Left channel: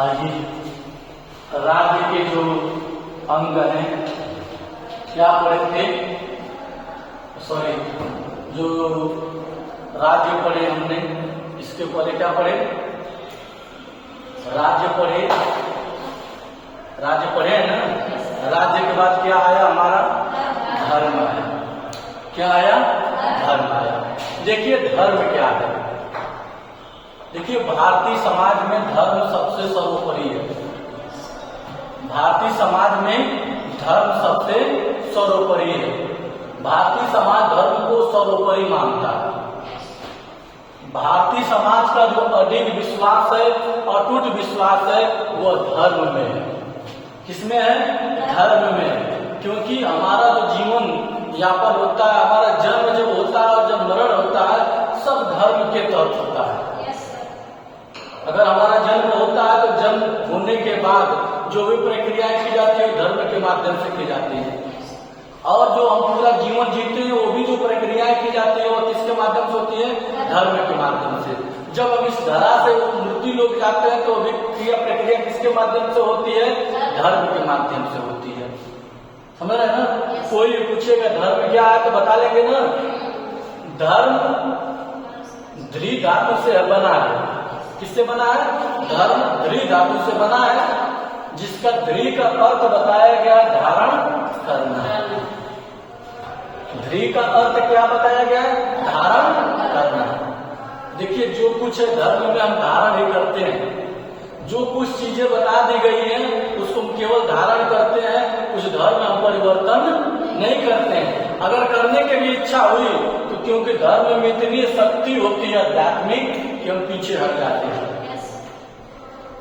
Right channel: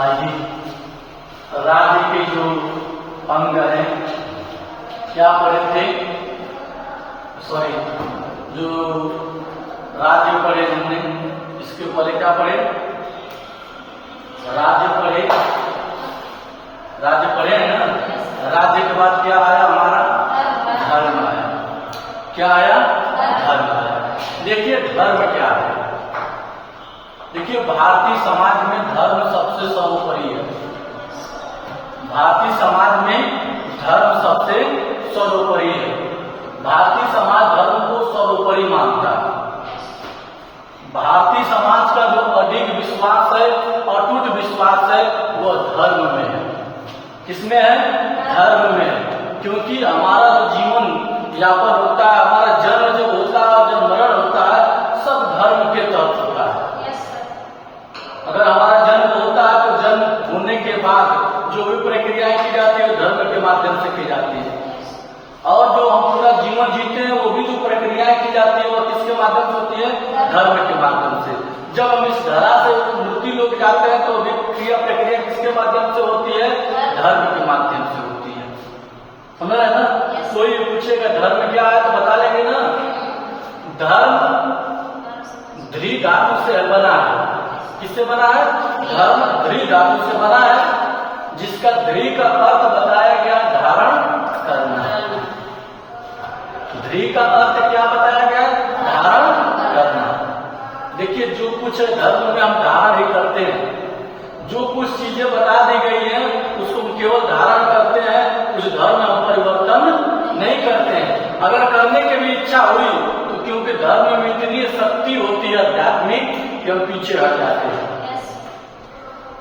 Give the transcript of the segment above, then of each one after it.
आइए राज्य के जो अंग हैं क्या पढ़े थे, सॉरी जो राज्य पढ़े हमने, इसके पहले क्या पढ़े, राज्य पढ़े है ना। राज्य के बाद क्या आया हमारा, धर्म आया। क्या आया, धर्म आया। देखिए धर्म क्या है, देखिए भारतीय समाज में धर्म सबसे सर्वोपरि है। भारतीय समाज में धर्म सबसे सर्वोपरि है। भारतीय समाज धर्म को सर्वोपरि मानता है। भारतीय समाज का जो अडिग विश्वास है, अटूट विश्वास है, वो धर्म में है। किसमें है, धर्म में है। क्योंकि हमारा जो जीवन यापन होता है, हमारा जन्म जब होता है और जब मरण होता है, सब धर्म के तहत होता है। अगर हमारा जन्म होता है तो जन्म होने के बाद जो भी प्रक्रियाएं की जाती है धर्म के माध्यम से की जाती है, और जो हम पूरा जीवन जीते हैं वो भी जो प्रक्रियाएं की जाती है वो किसके माध्यम से होती है, धर्म के माध्यम से। जब हम इस धरा से मृत्यु लोग जाते हैं तो भी क्रिया प्रक्रिया किसके माध्यम से होती है, धर्म के माध्यम से होती है। समझ रहे हैं ना। कोई पूछेगा धर्म क्या है तो बता लेंगे ना, धर्म ध्री धातु से बना है। किससे बना है, धर्म ध्री धातु से बना है, जिसका ध्री का अर्थ बताया गया धारण करना। ध्री का अर्थ क्या बताया गया, धारण करना। देखिए जो कुछ है धर्म में हम धारण ही करते हैं। जो कुछ चीजें बता दी गई हैं उसको हम केवल धारण करते हैं, उस धर्म में हम परिवर्तन नहीं करते हैं। अगर करने की भी इच्छा हुई तो क्योंकि धर्म में इतनी शक्ति होती है आध्यात्मिक कि हम पीछे हट जाते हैं।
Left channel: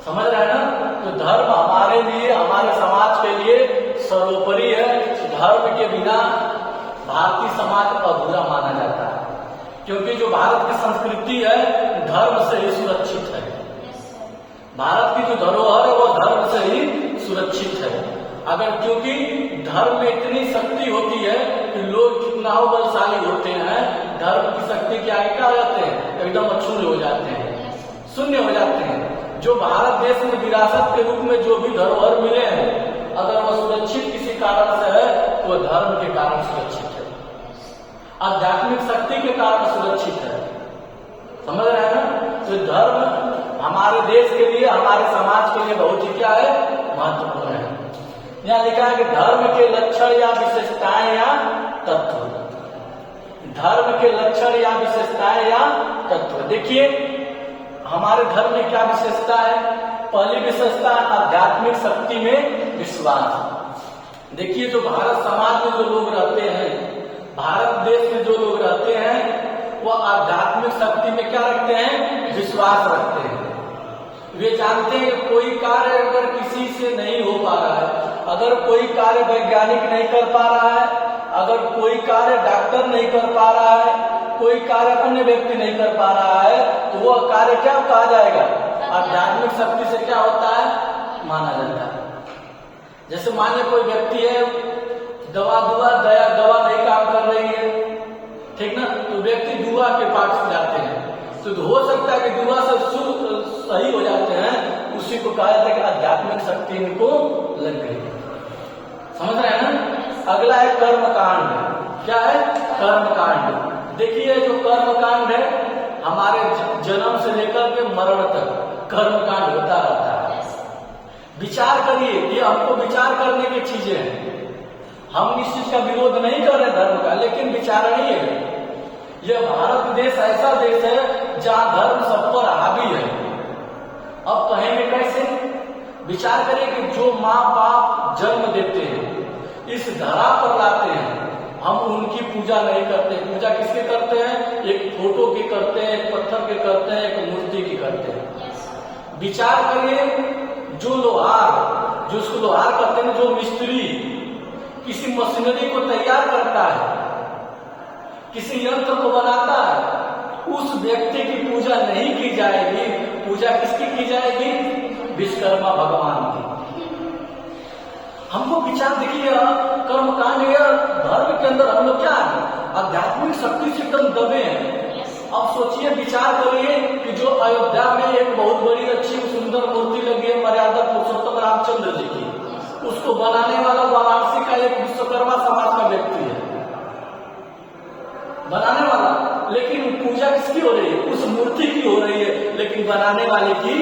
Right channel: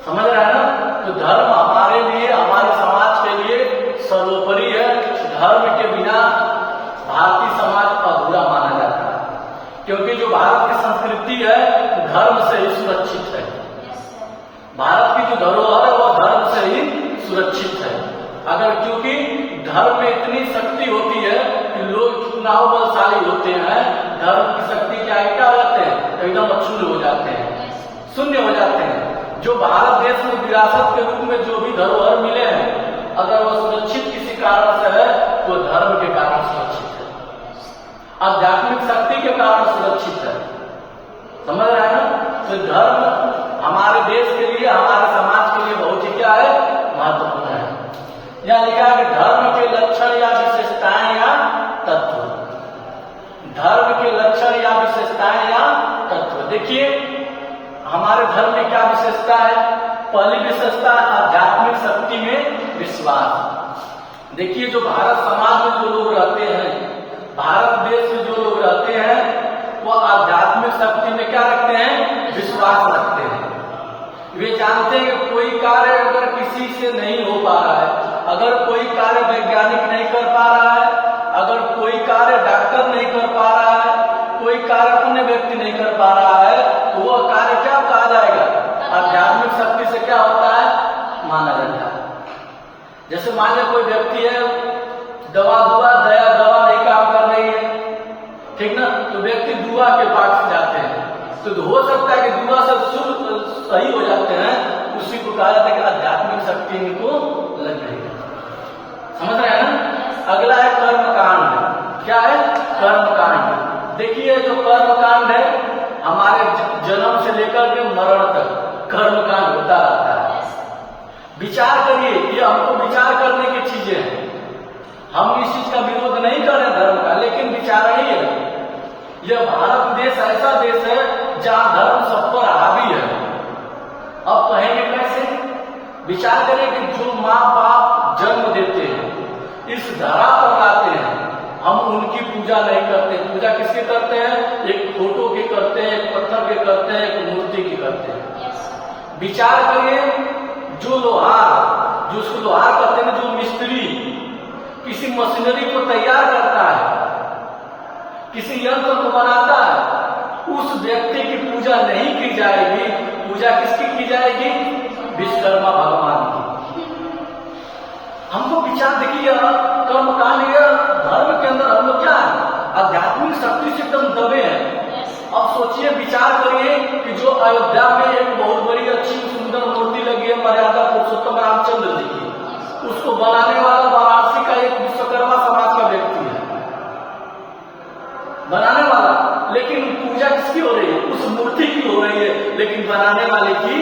समझ रहे हैं ना। तो धर्म हमारे लिए, हमारे समाज के लिए सर्वोपरि है। धर्म के बिना भारतीय समाज अधूरा माना जाता है, क्योंकि जो भारत की संस्कृति है धर्म से ही सुरक्षित है। भारत की जो धरोहर है वो धर्म से ही सुरक्षित है। अगर क्योंकि धर्म में इतनी शक्ति होती है कि लोग कितना बलशाली होते हैं, धर्म की शक्ति क्या हो जाते हैं, एकदम अक्षुण्ण हो जाते हैं, शून्य हो जाते हैं। जो भारत देश में विरासत के रूप में जो भी धरोहर मिले हैं, अगर वो सुरक्षित किसी कारण से है वो धर्म के कारण सुरक्षित है, आध्यात्मिक शक्ति के कारण सुरक्षित है। समझ रहे हैं ना। तो धर्म हमारे देश के लिए, हमारे समाज के लिए बहुत ही क्या है, महत्वपूर्ण है। यहाँ लिखा है कि धर्म के लक्षण या विशेषताएं या तत्व। धर्म के लक्षण या विशेषताएं या तत्व। देखिए हमारे धर्म में क्या विशेषता है। पहली विशेषता आध्यात्मिक शक्ति में विश्वास। देखिए जो भारत समाज में जो लोग रहते हैं, भारत देश में जो लोग रहते हैं, वो आध्यात्मिक शक्ति में क्या रखते हैं, विश्वास रखते हैं। वे जानते हैं कि कोई कार्य अगर किसी से नहीं हो पा रहा है, अगर कोई कार्य वैज्ञानिक नहीं कर पा रहा है, अगर कोई कार्य डॉक्टर नहीं कर पा रहा है, कोई कार्य अन्य व्यक्ति नहीं कर पा रहा है, तो वह कार्य क्या कहा जाएगा, आध्यात्मिक शक्ति से क्या होता है, माना जाता है। जैसे मान लीजिए कोई व्यक्ति है, दवा नहीं काम कर रही है, ठीक ना, तो व्यक्ति दुआ के पास जाते हैं, तो हो सकता है कि दुआ से सही हो जाते हैं, उसी को कहा जाता है कि आध्यात्मिक शक्ति इनको लग गई। समझ रहे हैं ना। अगला है कर्म कांड। क्या है, कर्म कांड। देखिए जो कर्म कांड है हमारे जन्म से लेकर के मरण तक कर्म कांड होता रहता है। विचार करिए, ये हमको विचार करने की चीजें हैं। हम इस चीज का विरोध नहीं कर रहे धर्म का, लेकिन विचारणीय है। यह भारत देश ऐसा देश है जहां धर्म सब पर हावी है। अब कहेंगे कैसे, विचार करें कि जो माँ बाप जन्म देते हैं, इस धरा पर लाते हैं, हम उनकी पूजा नहीं करते। पूजा किसकी करते हैं, एक फोटो की करते हैं, एक पत्थर की करते हैं, एक मूर्ति की करते हैं। विचार करिए जो लोहार, जो उसको लोहार करते हैं, जो मिस्त्री किसी मशीनरी को तैयार करता है, किसी यंत्र को बनाता है, उस व्यक्ति की पूजा नहीं की जाएगी। पूजा किसकी की जाएगी, विश्वकर्मा भगवान की। हमको विचार देखिए, कर्म कांड धर्म के अंदर हम लोग क्या है, आध्यात्मिक शक्ति से एकदम दबे हैं। अब सोचिए, विचार करिए कि जो अयोध्या में एक बहुत बड़ी अच्छी सुंदर मूर्ति लगी है उसको बनाने वाला वाराणसी का एक विश्वकर्मा समाज का व्यक्ति है, बनाने वाला। लेकिन पूजा किसकी हो रही है? उस मूर्ति की हो रही है, लेकिन बनाने वाले की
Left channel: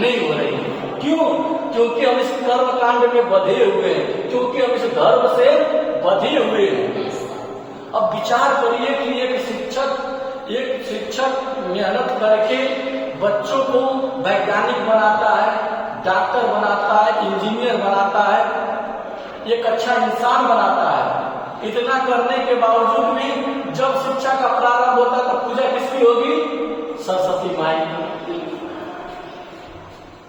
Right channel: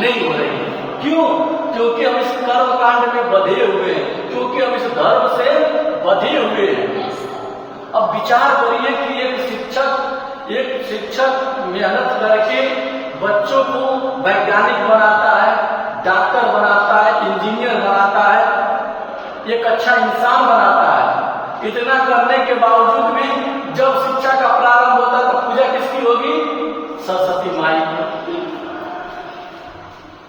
नहीं हो रही है। क्यों? क्योंकि हम इस कर्म कांड में बंधे हुए हैं, क्योंकि हम इस धर्म से बंधे हुए हैं। अब विचार करिए कि एक शिक्षक मेहनत करके बच्चों को वैज्ञानिक बनाता है, डॉक्टर बनाता है, इंजीनियर बनाता है, एक अच्छा इंसान बनाता है। इतना करने के बावजूद भी जब शिक्षा का प्रारंभ होता है तो पूजा किसकी होगी? सरस्वती माई की।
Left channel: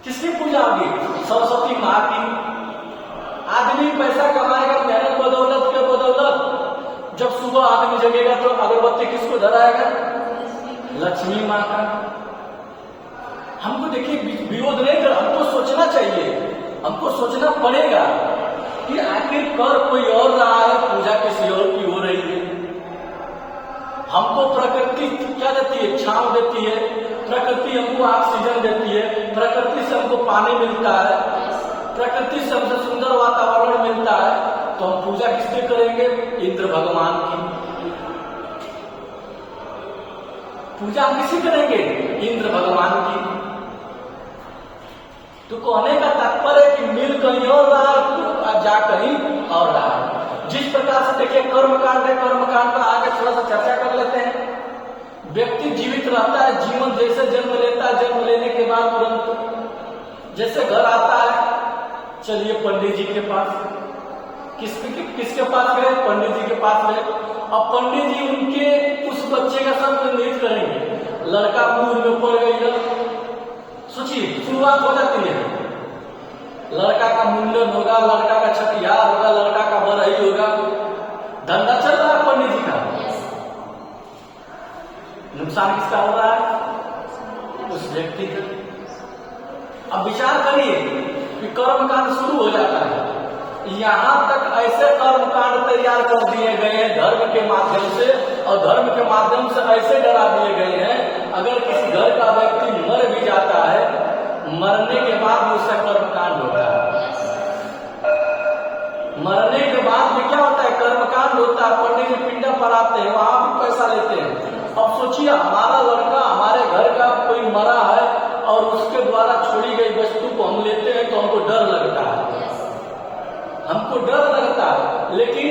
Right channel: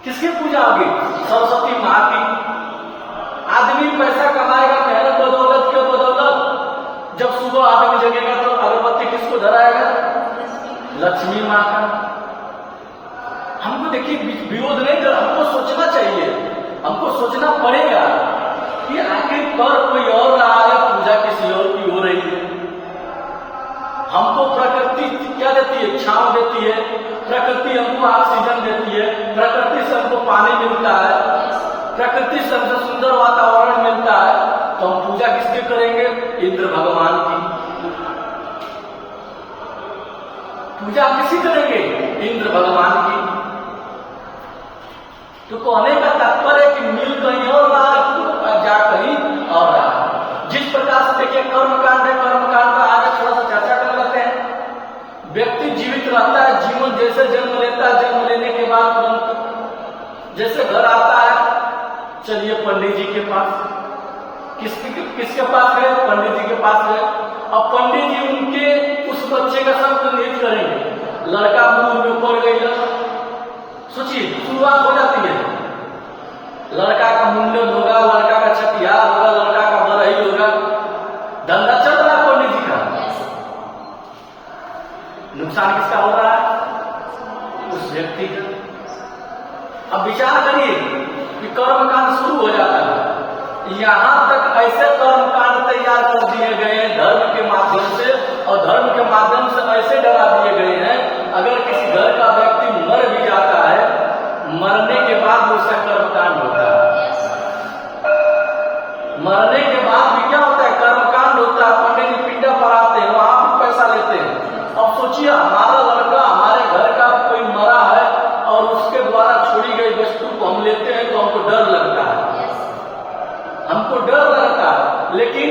किसकी पूजा होगी? सरस्वती माँ की। आदमी पैसा कमाएगा मेहनत बदौलत के बदौलत, जब सुबह आदमी जगेगा तो अगरबत्ती किसको धराएगा? लक्ष्मी माँ का। हमको देखिए विरोध नहीं कर, हमको सोचना चाहिए, हमको सोचना पड़ेगा कि आखिर कर कोई और रहा है, पूजा किसी और की हो रही है। हमको प्रकृति क्या देती है? छांव देती है, प्रकृति हमको ऑक्सीजन देती है, प्रकृति से हमको पानी मिलता है, प्रकृति से हमको सुंदर वातावरण मिलता है, तो हम पूजा किसके करेंगे? इंद्र भगवान की। पूजा किसी करेंगे? इंद्र भगवान की। तो कहने का तात्पर्य है कि मिल कहीं और रहा है, जा कहीं और रहा है। जिस प्रकार से देखिए कर्मकांड है, कर्मकांड का आगे थोड़ा सा चर्चा कर लेते हैं। व्यक्ति जीवित रहता है, जीवन जैसे जन्म लेता है, जन्म लेने के बाद तुरंत जैसे घर आता है, चलिए पंडित जी के पास। किसके पास गए? पंडित जी के पास गए। अब पंडित जी उनके उस बच्चे का सब निहित करेंगे। लड़का मुंह में पड़ गई, सोचिए शुरुआत हो जाती है। लड़का का मुंडन होगा, लड़का का छठियार होगा, लड़का का बरही होगा, धंधा चल रहा है पंडित जी का। नुकसान किसका हो रहा है? उस व्यक्ति का। अब विचार करिए कि कर्मकांड शुरू हो जाता है, यहां तक ऐसे कर्मकांड तैयार कर दिए गए हैं धर्म के माध्यम से, और धर्म के माध्यम से ऐसे डरा दिए गए हैं, अगर किसी घर का व्यक्ति मर भी जाता है, मरने के बाद उसका कर्मकांड होता है। मरने के बाद भी क्या होता है? कर्मकांड होता है। पंडित जी पिंडा पढ़ाते हैं, वहां भी पैसा लेते हैं। अब सोचिए हमारा लड़का हमारे घर का कोई मरा है और उसके द्वारा छोड़ी गई वस्तु को हम लेते हैं, तो हमको डर लगता है, हमको डर लगता है। लेकिन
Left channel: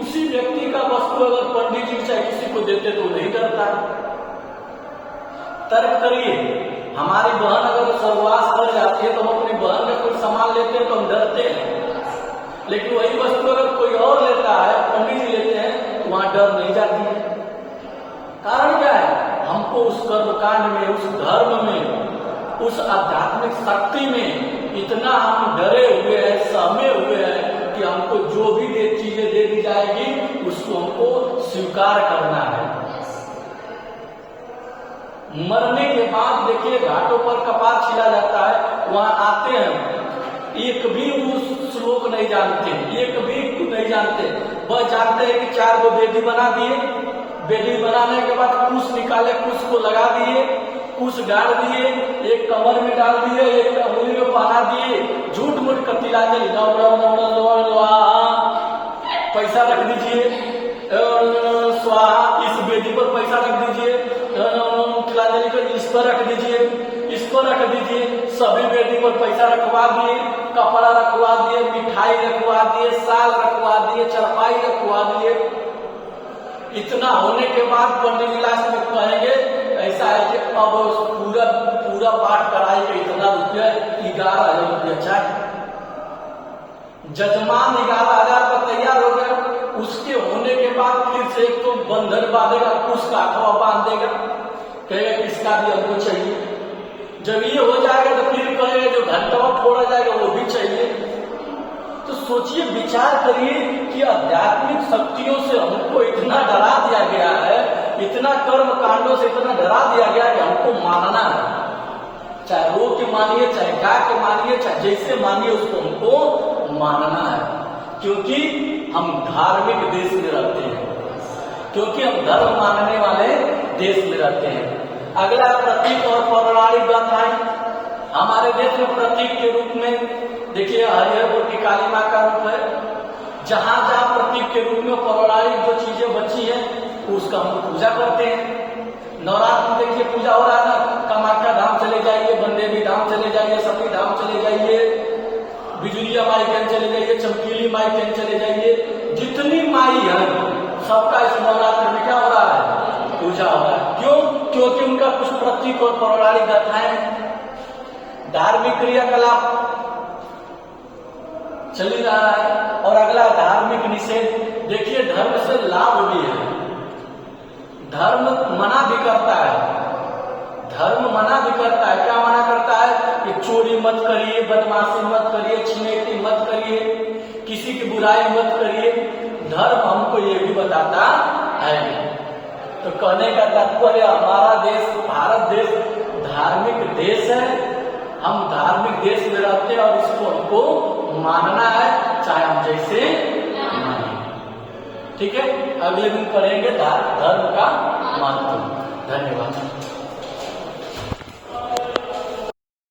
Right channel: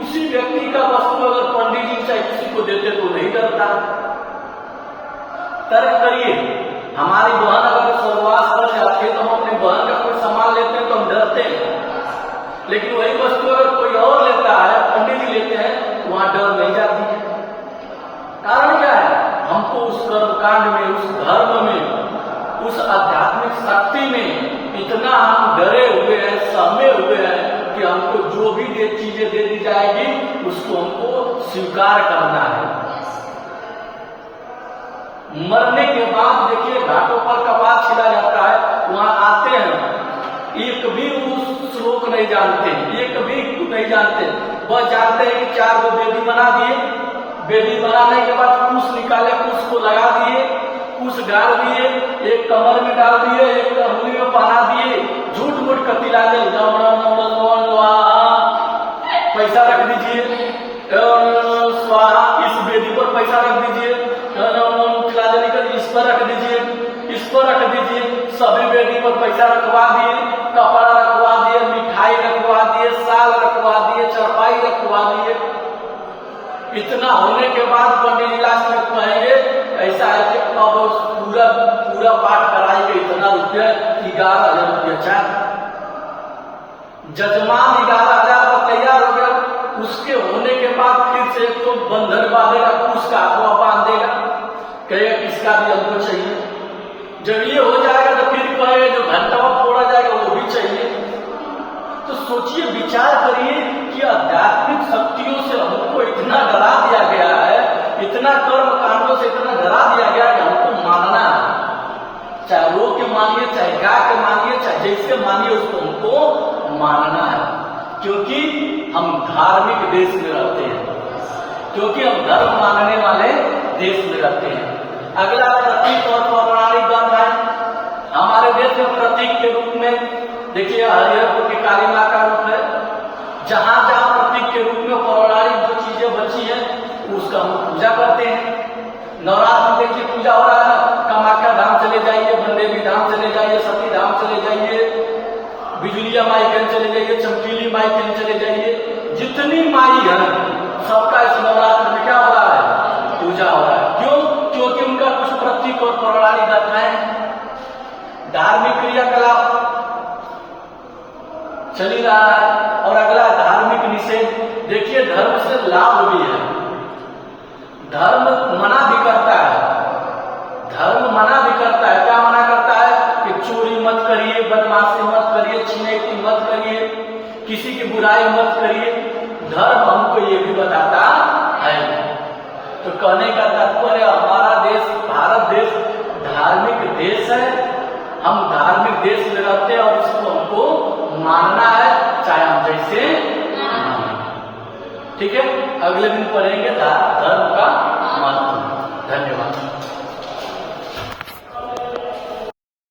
उसी व्यक्ति का वस्तु अगर पंडित जी चाहे किसी को देते तो नहीं डरता। तर्क करिए, हमारी बहन अगर स्वर्गवास कर जाती है तो हम अपनी बहन का कोई सामान लेते हैं तो हम डरते हैं, लेकिन वही वस्तु अगर कोई और लेता है, पंडित जी लेते हैं, तो वहां डर नहीं जाती है। कारण क्या है? हमको उस कर्मकांड में, उस धर्म में, उस आध्यात्मिक शक्ति में इतना हम डरे हुए हैं, सहमे हुए हैं कि हमको जो भी चीजें दे दी जाएगी उसको हमको स्वीकार करना है। मरने के बाद देखिए घाटों पर कपाल छिला जाता है, वहां आते हैं, एक भी उस श्लोक नहीं जानते, एक भी नहीं जानते, वह जानते हैं कि 4 गो बेदी बना दिए, बेदी बनाने के बाद कुश निकाले, कुश को लगा दिए, कुश डाल दिए, एक कमर में डाल दिए, एक अंगुली में पहना दिए, झूठ मूठ कतिला के पैसा रख दीजिए, स्वाहा इस बेदी पर पैसा रख दीजिए, इस पर रख दीजिए, इस पर रख दीजिए, सभी बेदी पर पैसा रखवा दिए, कपड़ा रखवा दिए, मिठाई रखवा दिए, साल रखवा दिए, चरपाई रखवा दिए। इतना होने के बाद पंडित जी लास्ट में कहेंगे ऐसा है कि अब पूरा पाठ कराएंगे, इतना रुपया 11,000 रुपया चाहिए। जजमान 11,000 का तैयार हो गया, उसके होने के बाद फिर से एक तो बंधन बांधेगा, कुछ का अथवा बांधेगा, कहेगा किसका भी हमको चाहिए। जब ये हो जाएगा तो फिर कहेगा जो घंटा फोड़ा जाएगा वो भी चाहिए। तो सोचिए, विचार करिए कि आध्यात्मिक शक्तियों से हमको इतना डरा दिया गया है, इतना कर्म कांडों से इतना डरा दिया गया है कि हमको मानना है, चाहे रो के मानिए, चाहे गा के मानिए, चाहे जैसे मानिए, उसको हमको मानना है। क्योंकि हम धार्मिक देश में रहते हैं, क्योंकि हम धर्म मानने वाले देश में रहते हैं। अगला प्रतीक और पौराणिक गाथा है। हमारे देश में प्रतीक के रूप में देखिए हरिहरपुर की काली माँ का रूप है। जहां जहां प्रतीक के रूप में पौराणिक जो चीजें बची हैं उसका हम पूजा करते हैं। नवरात्र में देखिए पूजा हो रहा है, कामाख्या धाम चले जाइए, बनदेवी धाम चले जाइए, सती धाम चले जाइए, बिजुलिया माई कहीं चले जाइए, चमकीली माई कहीं चले जाइए, जितनी माई है सबका इस नवरात्र में क्या हो रहा है? पूजा हो रहा है। क्यों? क्योंकि उनका कुछ प्रतीक और पौराणिक गाथाएं, धार्मिक क्रियाकलाप चली रहा है। और अगला धार्मिक निषेध। देखिए धर्म से लाभ भी है, धर्म मना भी करता है। धर्म मना भी करता है। क्या मना करता है? कि चोरी मत करिए, बदमाशी मत करिए, छिनैती मत करिए, किसी की बुराई मत करिए। धर्म हमको ये भी बताता है। तो कहने का तात्पर्य हमारा देश भारत देश धार्मिक देश है। हम धार्मिक देश में रहते हैं और इसको हमको मानना है, चाहे हम जैसे माने। ठीक है, अगले दिन पढ़ेंगे धर्म का महत्व। धन्यवाद।